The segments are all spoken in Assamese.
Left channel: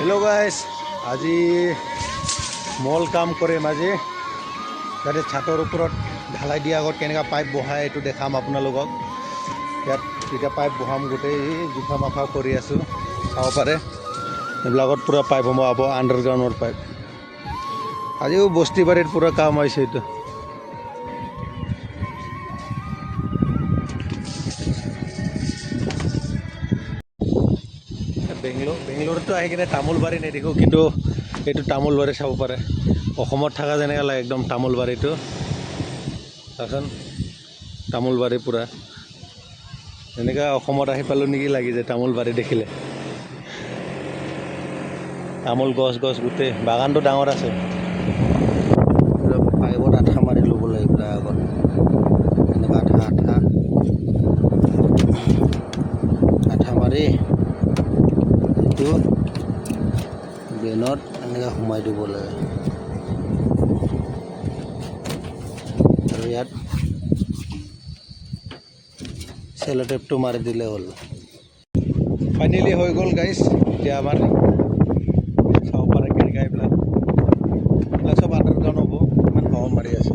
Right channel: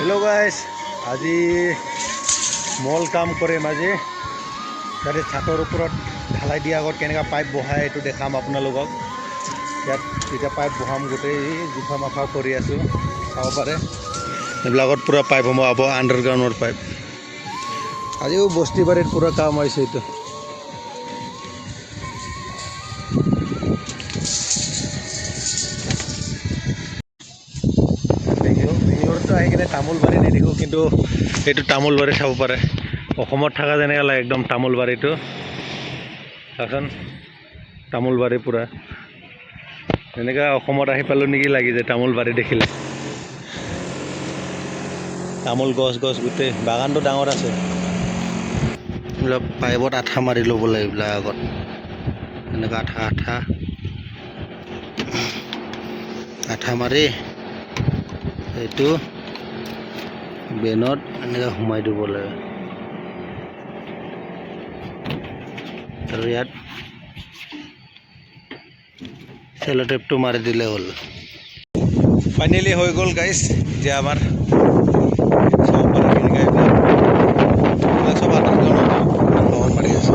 हेलो गाइस আজি মল কাম কৰিম আজি ইয়াতে ছাতৰ ওপৰত ঢালাই দিয়া আগত কেনেকা পাইপ বহাই এইটো দেখাম আপোনালোকক ইয়াত এতিয়া পাইপ বহাম গোটেই জোখা মাখা কৰি আছো চাব পাৰে এইবিলাকত পুৰা পাইপ হমাব আণ্ডাৰগ্ৰাউণ্ডৰ পাইপ আজিও বস্তিবাৰীত পুৰা কাম হৈছে এইটো বেংগলোৰতো আহি কিনে তামোলবাৰী নেদেখোঁ কিন্তু এইটো তামোলবাৰী চাব পাৰে অসমত থকা যেনেকৈ লাগে একদম তামোলবাৰীটো চাচোন তামোলবাৰী পুৰা এনেকুৱা অসমত আহি পালোঁ নেকি লাগি যায় তামোলবাৰী দেখিলে তামোল গছ গছ গোটেই বাগানটো ডাঙৰ আছে এইবিলাক পাইপত আঠা মাৰি ল'ব লাগে এইবিলাক আগত এনেকুৱা আঠা মাৰি এইটো বেনত এনেকৈ সোমাই দিব লাগে আৰু ইয়াত চেলো টেপটো মাৰি দিলে হ'ল ফাইনেলি হৈ গ'ল গাইছ এতিয়া আমাৰ চব মাৰি আছে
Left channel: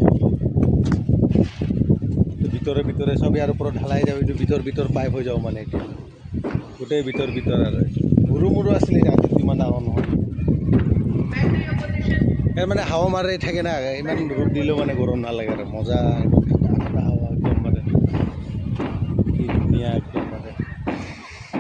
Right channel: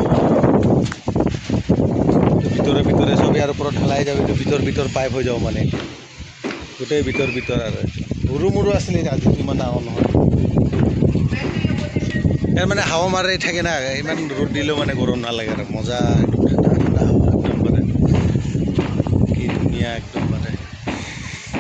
ভিতৰে ভিতৰে চব ইয়াৰ ওপৰত ঢালাই যাব এইটো ভিতৰ পাইপ হৈ যাব মানে গোটেই ভিতৰ আৰু সৰু মৰু আছিলে আজি ইমান ডাঙৰ নহয় ইয়াৰ মানে হাৱা মাৰি থাকে না ইমান ৰ'দ দিলেও মানে গৰম নালাগে আৰু মজা একদম ঠাণ্ডা হাৱা একদম মানে কি ধুনীয়া একদম